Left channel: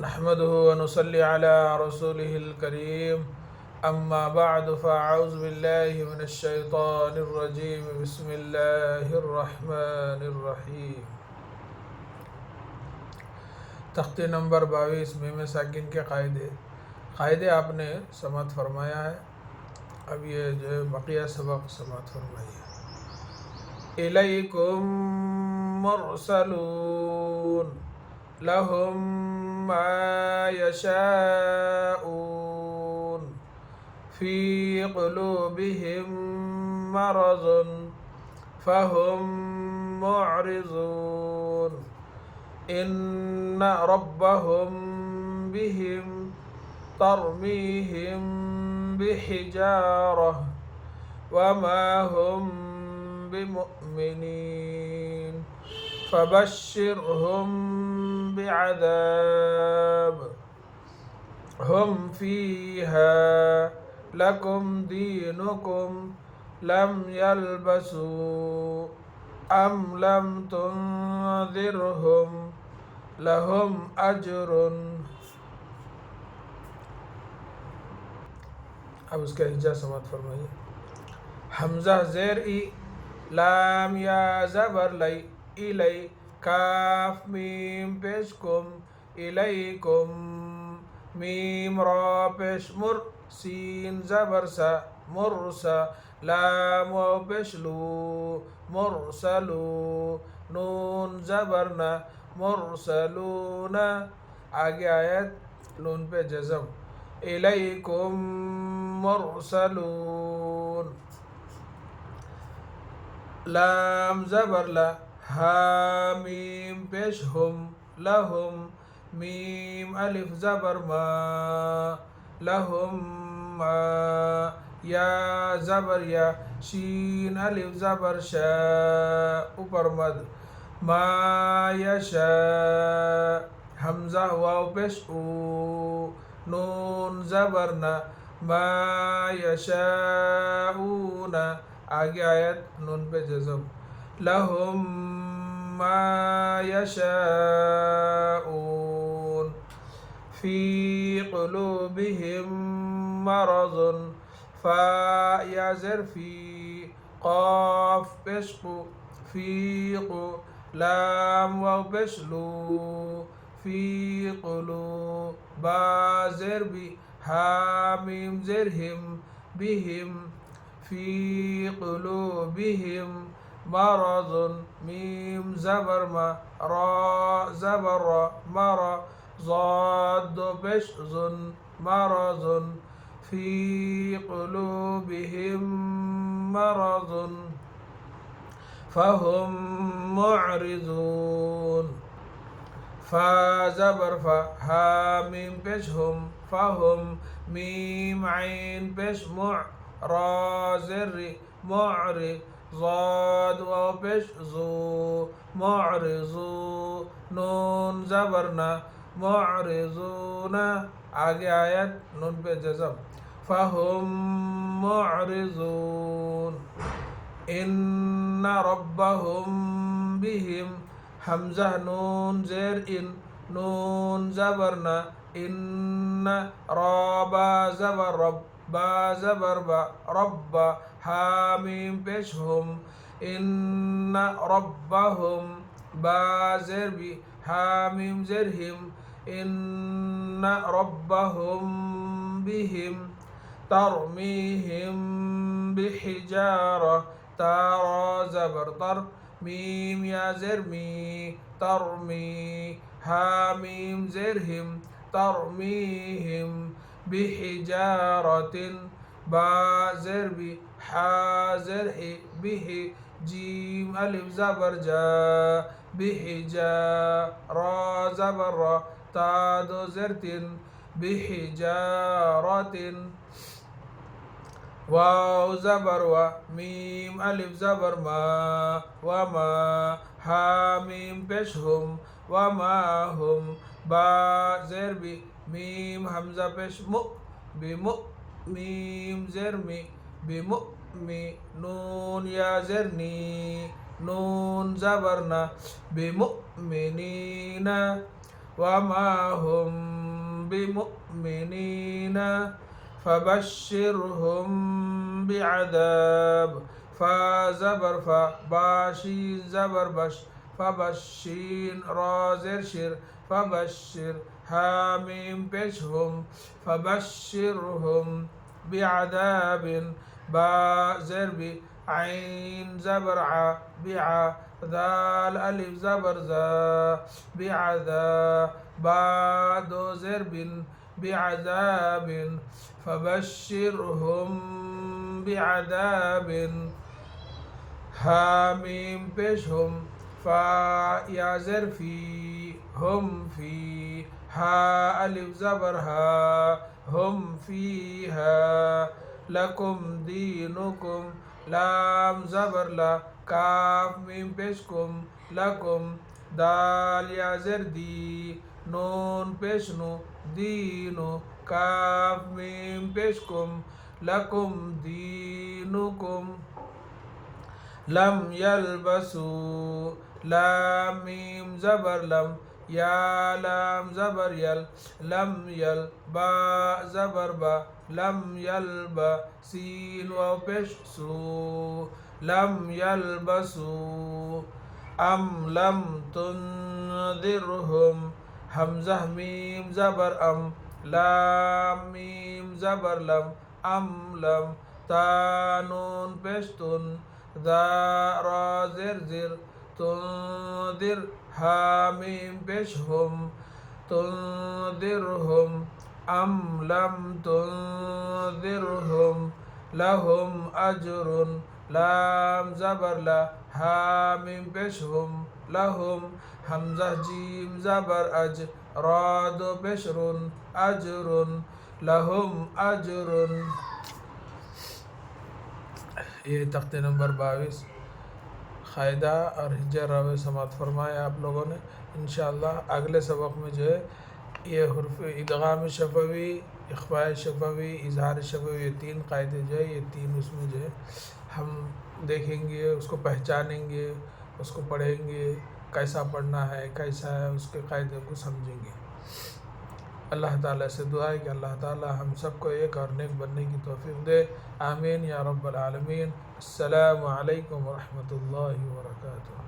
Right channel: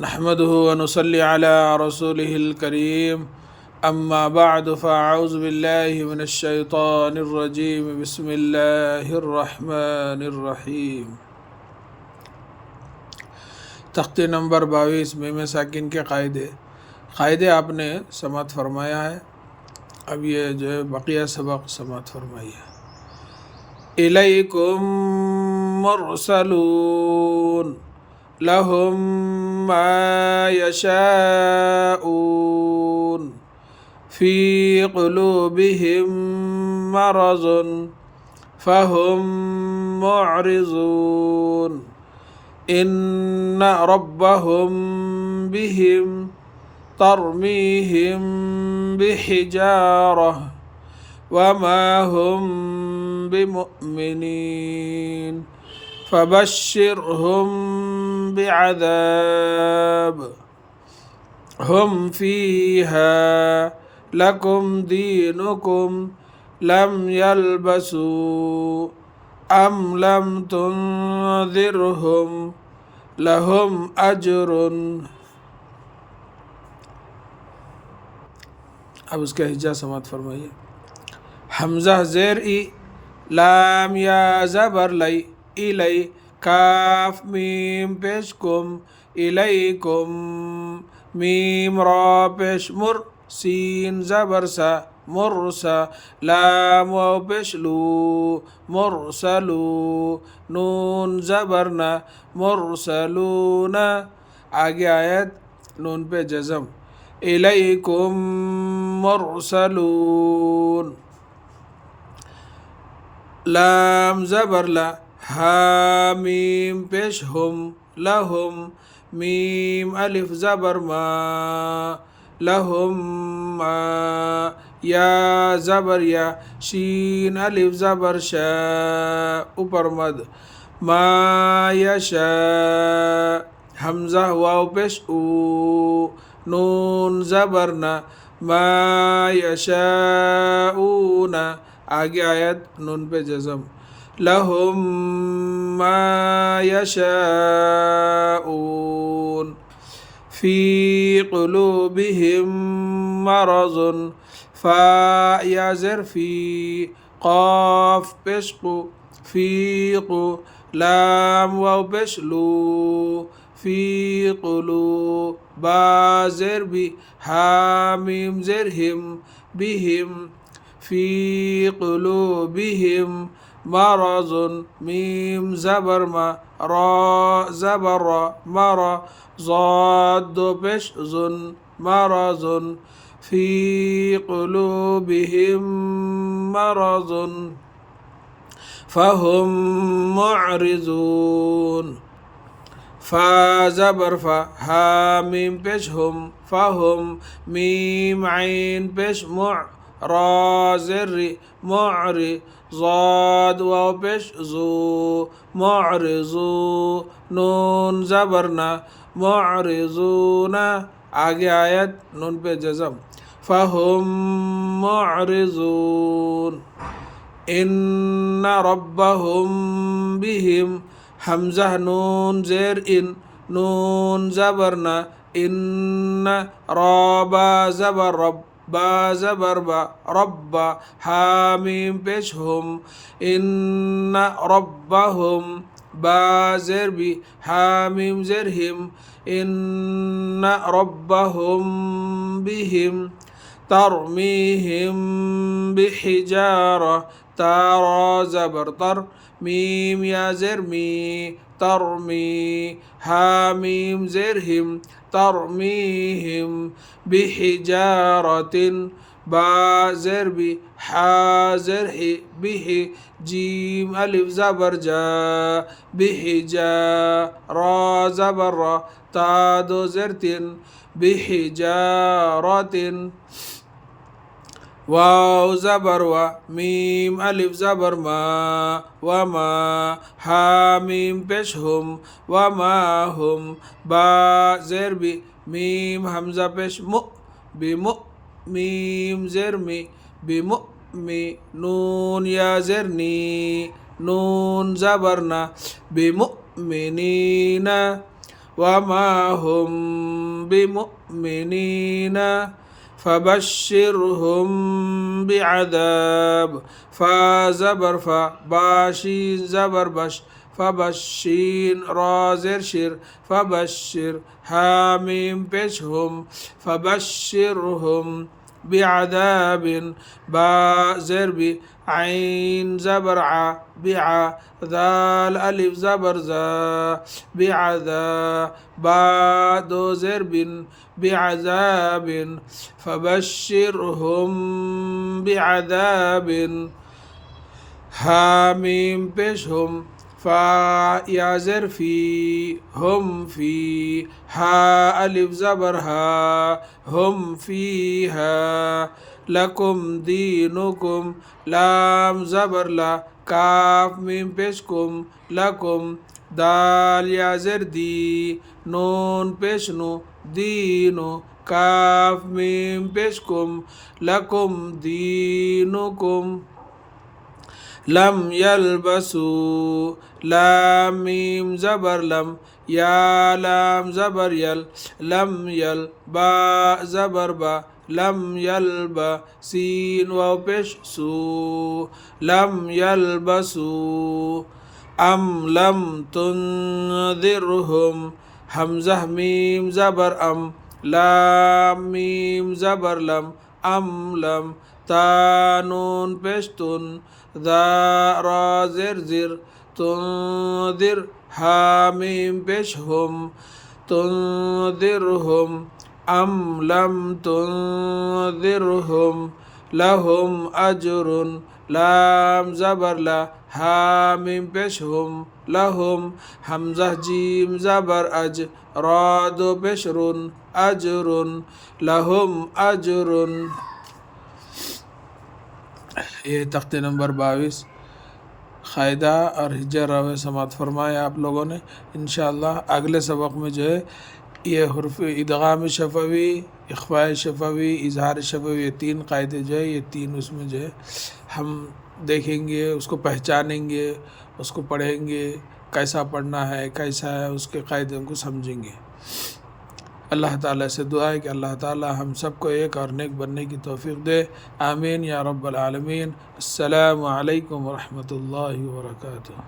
نحمده ونصلي على رسوله الكريم أما بعد فأعوذ بالله من الشيطان الرجيم بسم الله الرحمن الرحيم तख्ती नंबर 22 में साकिन के क़ायदे आपने समात फरमाया है। अब ये जो है बकिया सबक समात फरमाइए। इलैकुम मुरसलून लहुम मा यशाऊन फी क़ुलूबिहिम मरज़ुन फ़हुम मुअरिज़ून إن ربهم بهم ترميهم بحجارة وما هم بمؤمنين فبشرهم بعذاب هم فيها لكم دينكم لم يلبسوا أم لم تنذرهم لهم أجر। अब उसका हिजा समात फरमाइए। हमजा ज़ेर ई, लाम या ज़बर लई, इलई, काफ मीम पेश कुम, इलैकुम, मीम रा पेश मुर, सीन ज़बर सा, मुरसा, लाम वाव पेश लू, मुरसलू, नून ज़बरना, मुरसलूना। आगे आयत नून पे जज़म, इलैकुम मुरसलून, लाम ज़बर ला, हामीम पेश हुम, लहुम, मीम अलिफ ज़बर मा, लहुम मा, या ज़बर या, शीन अलिफ ज़बर शा, ऊपर मद, मा यशा, हमज़ा वाव पेश ऊ, नून ज़बर ना, मा यशाऊना। आगे आयत नून पे जज़म, लहुम मा यशाऊन फ़ी क़ुलूबिहिम मरज़ुन, फ़ा या ज़ेर फ़ी, क़ाफ़ पेश क़ु, फ़ी क़ु, लाम वाव पेश लू, फ़ी क़ुलू, बा ज़ेर बी, हामीम ज़ेर हिम, बिहिम, फ़ी क़ुलूबिहिम मरज़ुन, मीम ज़बर मा, रा ज़बर रा, मरा, ज़ाद पेश ज़ुन, मरज़ुन, फ़ी क़ुलूबिहिम मरज़ुन फ़हुम मुअरिज़ून। फ़ा ज़बर फ़ा, हामीम पेश हुम, फ़हुम, मीम ऐन पेश मुअ, रा ज़ेर री, मुअरि, ज़ाद वाव पेश ज़ू, मुअरिज़ू, नून ज़बर ना, मुअरिज़ूना। आगे आयत नून पे जज़म, फ़हुम मुअरिज़ून इन्न रब्बहुम बिहिम, हमज़ा नून ज़ेर इन, नून ज़बर ना, इन्न, रबा ज़बर रब, बा ज़बर बा, रब्बा, हामीम पेश हुम, इन्न रब्बहुम, बा ज़ेर बी, हामीम ज़ेर हिम, इन्न रब्बहुम बिहिम तरमीहिम बिहिजारा, तारा ज़बर तर, मीम या ज़ेर मी, तरमी, हामीम ज़ेर हिम, तरमीहिम बिहिजारतिन, बा ज़ेर बी, हा ज़ेर ही, बिहि, जीम अलिफ ज़बर जा, बिहिजा, रा ज़बर रा, ता दो ज़ेर तिन, बिहिजारतिन, वाव ज़बर वा, मीम अलिफ ज़बर मा, वमा, हामीम पेश हुम, वमा हुम, बा ज़ेर बी, मीम हमज़ा पेश मु, बिमु, मीम ज़ेर मी, बिमु मी, नून या ज़ेर नी, नून ज़बर ना, बिमुमिनीना, وما هم بمؤمنين فبشرهم بعذاب. فا زبر فا، باشين زبر بش، فبشين را زر شر، فبشر حاميم بشهم، فبشرهم بعذاب. با زر بي، عين زبر ع، بعا ذال ألف زبر زا، بعذا. با دو زر بن، بعذاب. فبشرهم بعذاب. حاميم بشهم، فا يا زر في، هم في. ها ألف زبر ها، هم فيها. لكم دينكم، لام زبر لا، كاف ميم بشكم، لكم. دال يا زر دي، نون بشنو، دينو. كاف ميم بشكم، لكم دينكم. لم يلبسوا، لام ميم زبر لم، يا لام زبر يل، لم يل. با زبر با، لم يلبا. سين واو بش سو، لم يلبسوا. أم لم تنذرهم، همزة ميم زبر أم، لام ميم زبر لم، أم لم. تا نون بشتن، ذا را زر زر، تنذر. حاميم بشهم، تنذرهم. أم لم تنذرهم لهم أجر، لام زبر لا، حاميم بشهم، لهم. همزة جيم زبر أج، راد بشر، أجر، لهم أجر. ये तख्ते नंबर 22 क़ायदा और हिज्जा रवे समात फरमाया आप लोगों ने। इंशाअल्लाह अगले सबक में जो है ये हुर्फ़ इदगाम शफ़वी, इख़फ़ा शफ़वी, इज़हार शफ़वी, ये तीन क़ायदे जो है, ये तीन उसमें जो है हम देखेंगे, उसको पहचानेंगे, उसको पढ़ेंगे, कैसा पढ़ना है, कैसा है, उसके क़ायदे को समझेंगे। अल्लाह ताला से दुआ है कि अल्लाह ताला हम सबको एक और नेक बनने की तौफ़ीक़ दे। आमीन या रब्बल आलमीन। अस्सलामु अलैकुम व रहमतुल्लाहि व बरकातुहू।